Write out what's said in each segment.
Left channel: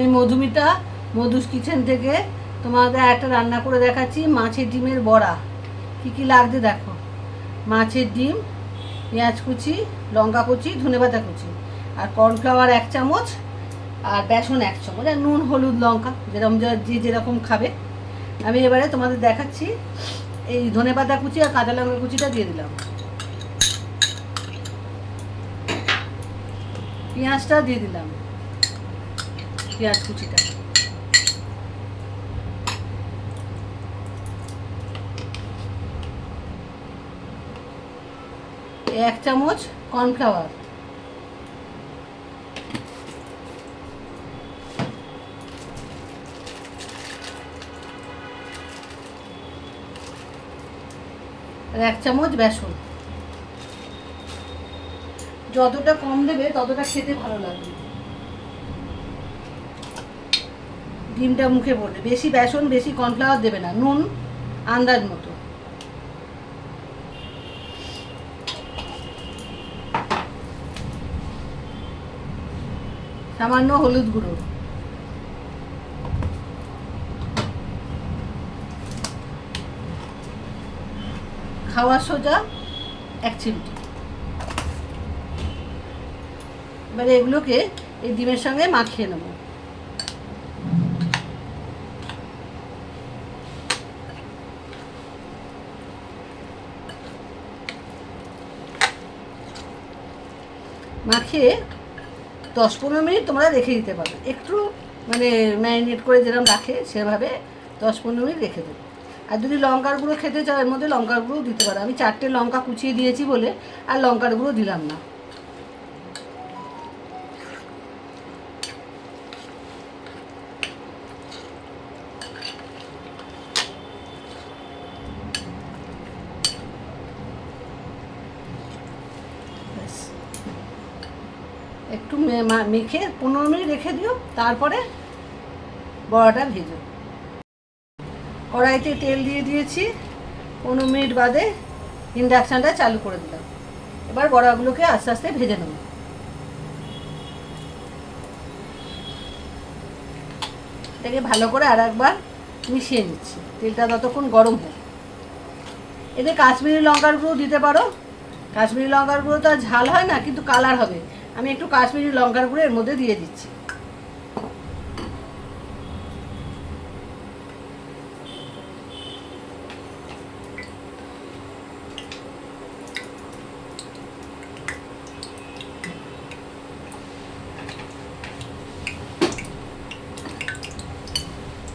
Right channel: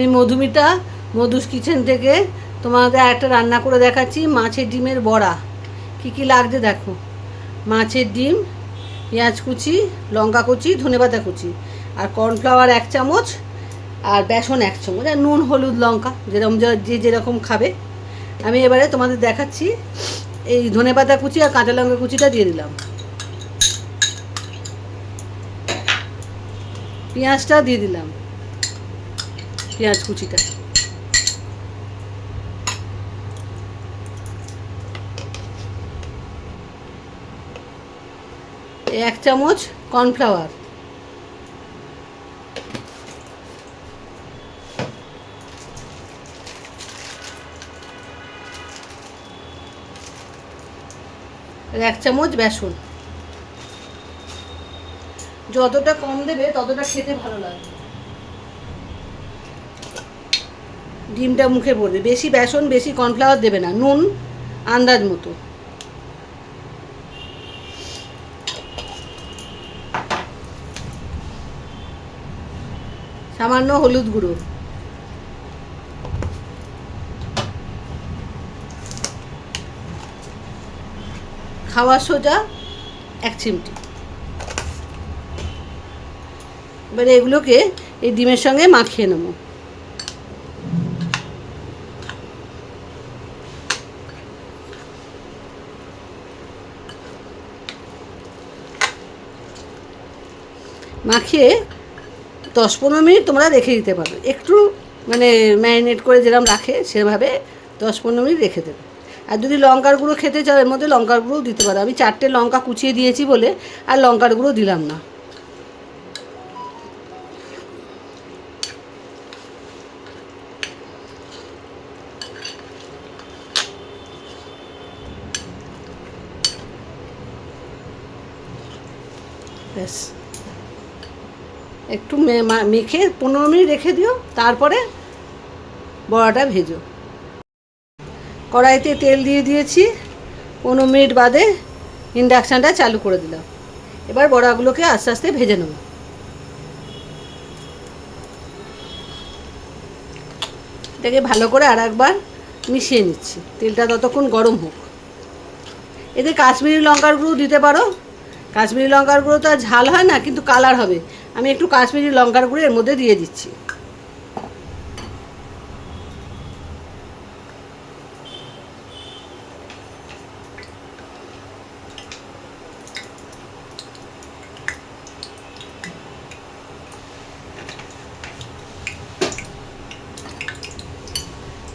আমি মধুমিতা, মধুস কিচেন থেকে তোমাদের একটা রান্না করে দেখাচ্ছি, মাছের ডিমের বড়া। কি কি লাগছে দেখো। মাছের ডিম, পেঁয়াজ কুচি, লঙ্কা কুচি, ধনেপাতা কুচি, আর কর্নফ্লাওয়ার 1 চামচ, আর বেসন 1 চামচ, আর নুন হলুদ লঙ্কা যেরকম যে যেরকম খাবে। আমি এবারে তোমাদের দেখাচ্ছি। এই ধনেপাতা কুচি আর কাঁচা লঙ্কা কুচিটা দিয়ে দিলাম, পেঁয়াজটা দিয়ে দিলাম, পেঁয়াজ কুচিটা, এই 1 চামচ কর্নফ্লাওয়ার, আর 1 চামচ বেসন। যতটা কম দেবে ততটা খেতে ভালো লাগবে, ডিমটা মুখে পড়বে। বেশি বেসন বেশি কর্নফ্লাওয়ার দেবে না, নুন আন্দাজ মতো। সামান্য হলুদ গুঁড়ো, খাওয়ার সোডা 1 চিমটি। এবারে এগুলোকে এই ডিমের সঙ্গে মাখিয়ে নেব। মাখিয়ে 10-15 মিনিট তোমরা রেখে দিতে পারবে। একটু মানে ম্যারিনেট করে যেরকম রাখে সেভাবে 10-15 মিনিট রেখে দেবে। আর যদি লঙ্কার গুঁড়ো খেতে চাও এর মধ্যে লঙ্কার গুঁড়ো দিতে পারো। আমি 4টে লঙ্কা কুচিয়ে দিয়েছি বলে আর লঙ্কার গুঁড়ো দিলাম না। ব্যাস, একটু মেখে 15 মিনিট রেখে দিও, তারপরে বড়াটা ভেজো। কড়াইতে তেল দিয়ে দিয়েছি, 15 মিনিট বাদে ইন্ডাকশানটা চালু করে দিলাম। এবার বড়াগুলোকে আস্তে আস্তে ভেজে নেব। এটাকে ভালো করে আর একবার মিশিয়ে নিচ্ছি, তেলটা ততক্ষণ গরম হোক। এতে কাশ্মীরি লঙ্কার গুঁড়ো দিতে পারো। কাশ্মীরি লঙ্কার গুঁড়ো তো আর ঝাল হয় না, কিন্তু কালার হবে। আমি একটু কাশ্মীরি লঙ্কার গুঁড়ো এর মধ্যে দিয়ে দিচ্ছি।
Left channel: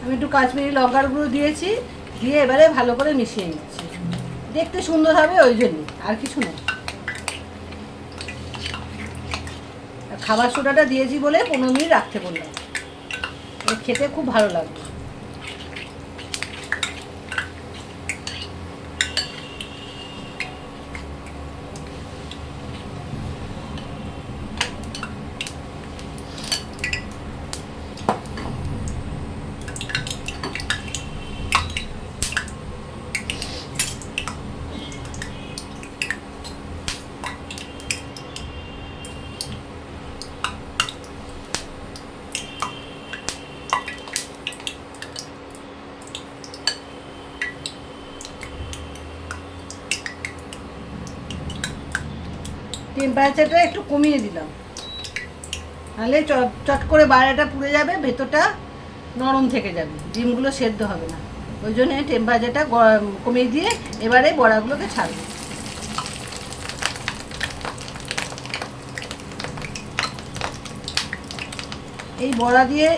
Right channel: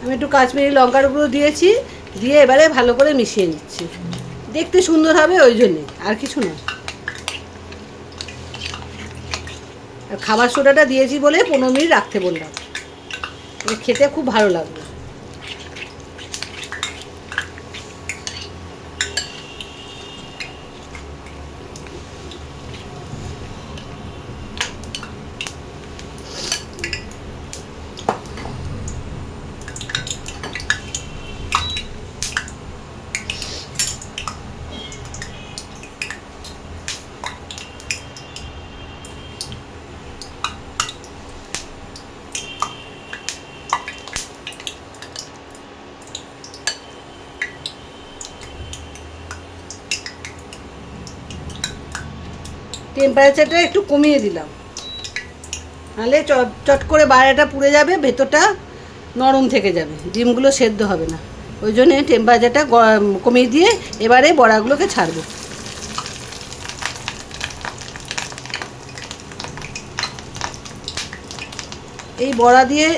আমি একটু কাশ্মীরি লঙ্কার গুঁড়ো দিয়েছি, দিয়ে এবারে ভালো করে মিশিয়ে নিচ্ছি। দেখতে সুন্দর হবে ওই জন্যে, আর কিছু না। আর খাবার সোডাটা দিয়েছি বলে 15 মিনিট রাখতে বললাম, খেতে খুব ভালো লাগবে। টেম্পারেচারটা একটু কমিয়ে দিলাম, নাহলে চট করে বাইরেটা পুড়ে যাবে, ভেতরটা নরম থেকে যাবে, ডিমগুলো সেদ্ধ হবে না। ওই জন্যে টেম্পারেচারটা কমিয়ে দিয়ে এবারে বড়াগুলোকে ছাড়বে। এই বড়া দিয়ে,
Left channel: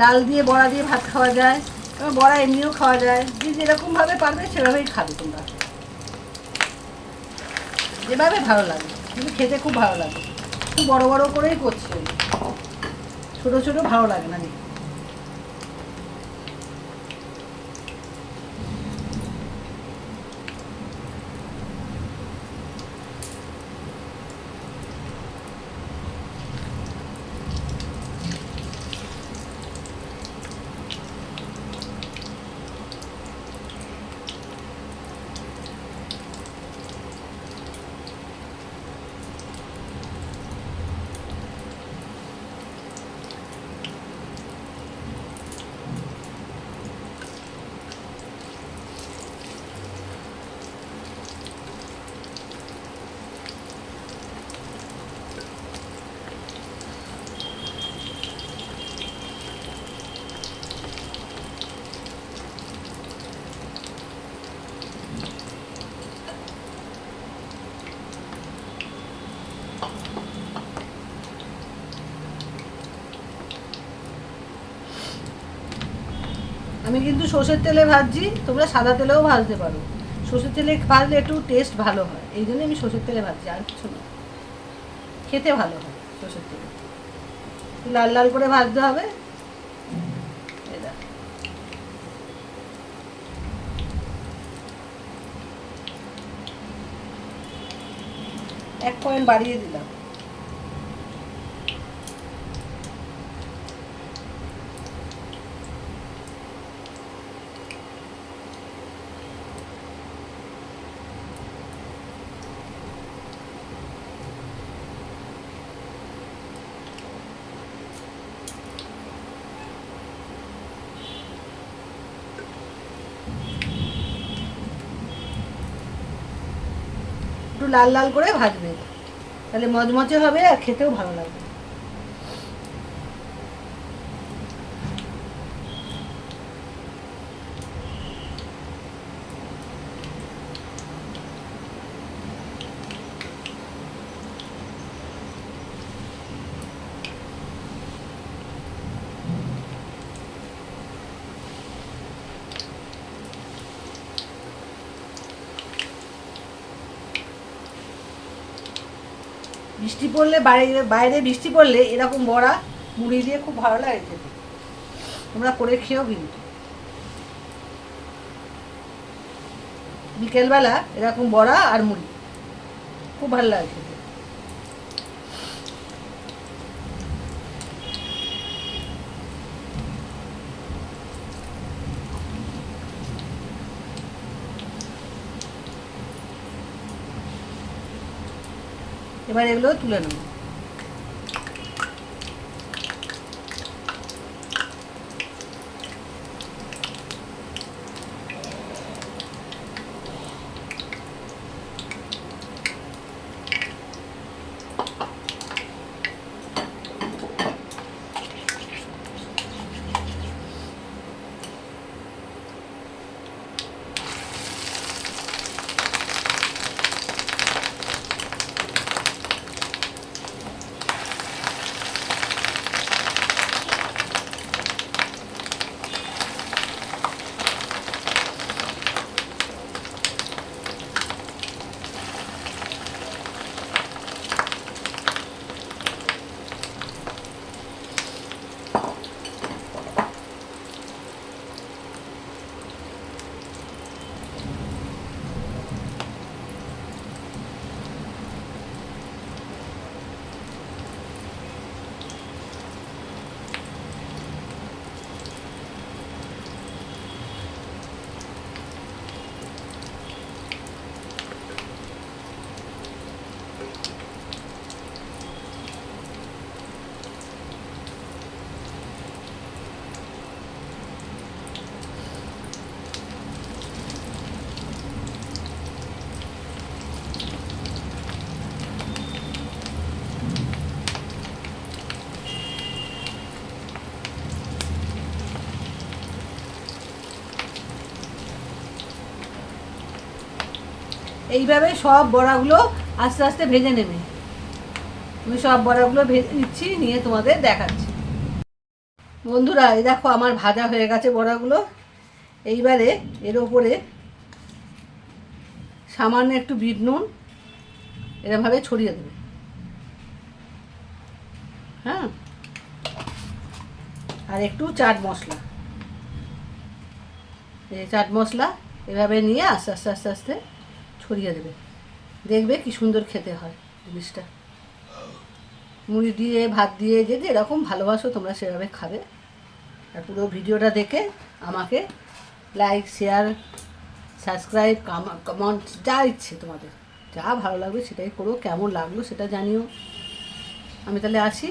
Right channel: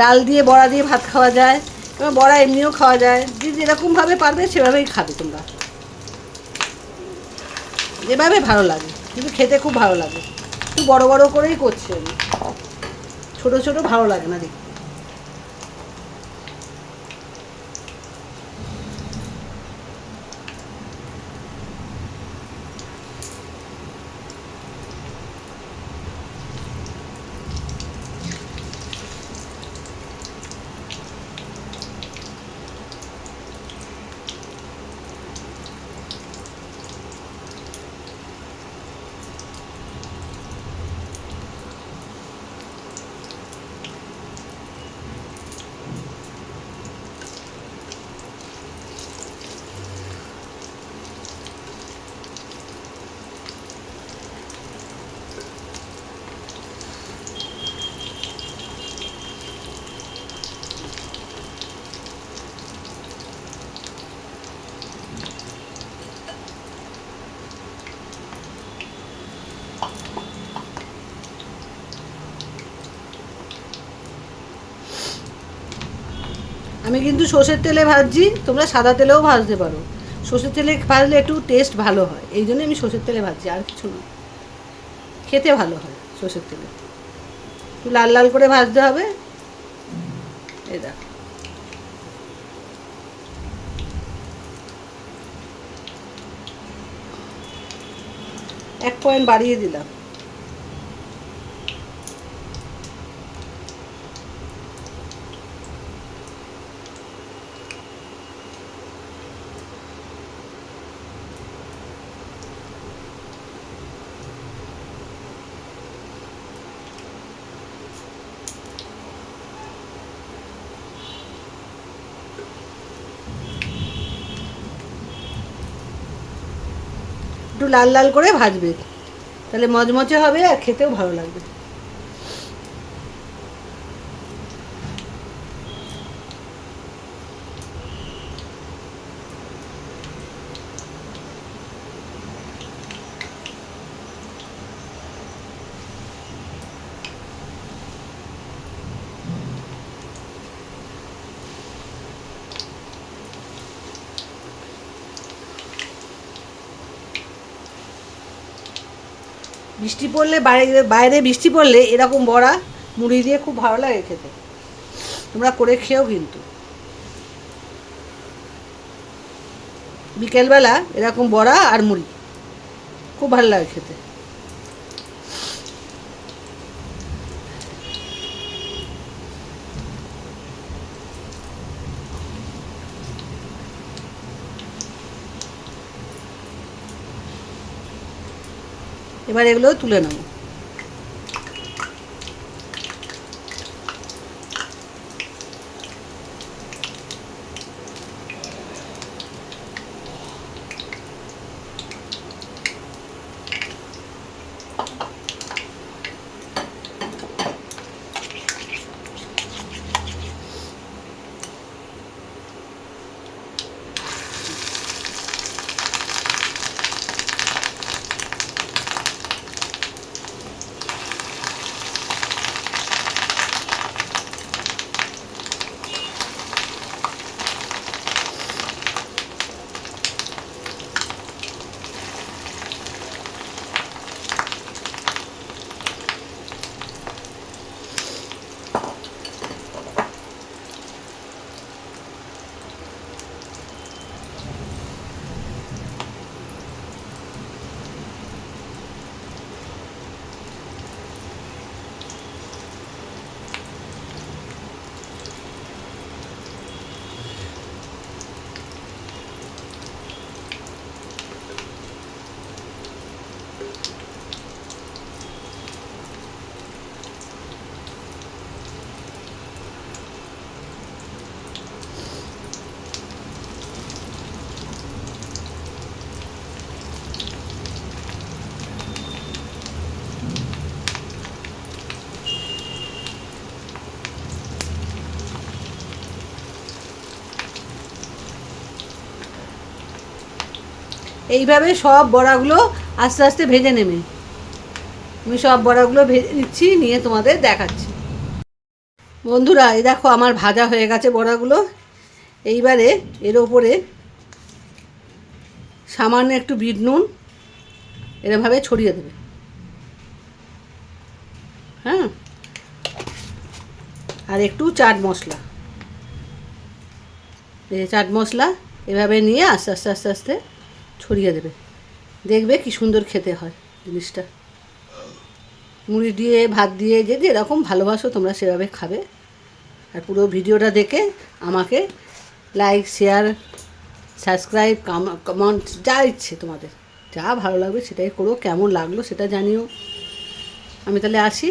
ডাল দিয়ে বড়া দিয়ে ভাত খাওয়া যায়, এবার বড়া এমনিও খাওয়া যায়। যে যেরকমভাবে পারবে সেভাবেই খাবে তোমরা, যেভাবে ভালো লাগে, কিন্তু খেতে খুব ভালো লাগে। একটু বড় বড় করেই করছি আমি, ছোটো ছোটো ভালো লাগে না দেখি। আমি কিন্তু সর্ষের তেলে ভাজছি, তোমরা সাদা তেলেও ভাজতে পারো। সর্ষের তেলে ভাজলে একটু টেস্ট ভালো হয়, এই জন্য আমি সর্ষের তেলে ভাজছি, আর কিছু না। খেতে ভালো হয় সর্ষের তেলে। একটু লাল লাল করে ভাজতে হবে। এই দেখো, এক পয়েন্ট বাড়িয়ে দিলাম। একটু লাল লাল করে ভাজবে, তাহলে মচমচে হবে আর খেতেও ভালো লাগবে। বৃষ্টি পড়লে, বাইরে বাইরে বৃষ্টি পড়লে এরকম বড়া মুড়ি দিয়ে খুব ভালো লাগে খেতে। তোমরা করে খেয়েও কিন্তু বিকেলবেলা এরকম বড়া আর মুড়ি খুব ভালো লাগে খেতে। এবার এগুলো তুলে নেব। এইভাবে সব বড়াগুলো আস্তে আস্তে ভেজে নেবে। আমি সব বড়াগুলো ভেজে নিচ্ছি, নিয়ে তোমাদের দেখাচ্ছি। বন্ধুরা, এই দেখো আমার ভাজা হয়ে গেছে বড়াগুলো। এইবারে এর ওপরে সামান্য একটু বিট নুন এরমভাবে ছড়িয়ে দেবে। হ্যাঁ, আর একটু চাট মশলা, এই চাট মশলা এভাবে নিয়ে আস্তে আস্তে আস্তে আস্তে ছড়িয়ে দেবে। দেখবে কি সুন্দর খেতে হয় জিনিসটা। মুড়ি দিয়ে, ভাত দিয়ে, যে যেরকম ভালোবাসো তোমরা সেভাবে খাবে। আর পুরো ভিডিওটা দেখে আমাকে লাইক, শেয়ার, সাবস্ক্রাইব, কমেন্ট যা ইচ্ছে তোমাদের, যা ভালো লাগবে সেটাই করো। কেমন লাগলো সেটা জানিও। আমি তাহলে আসি।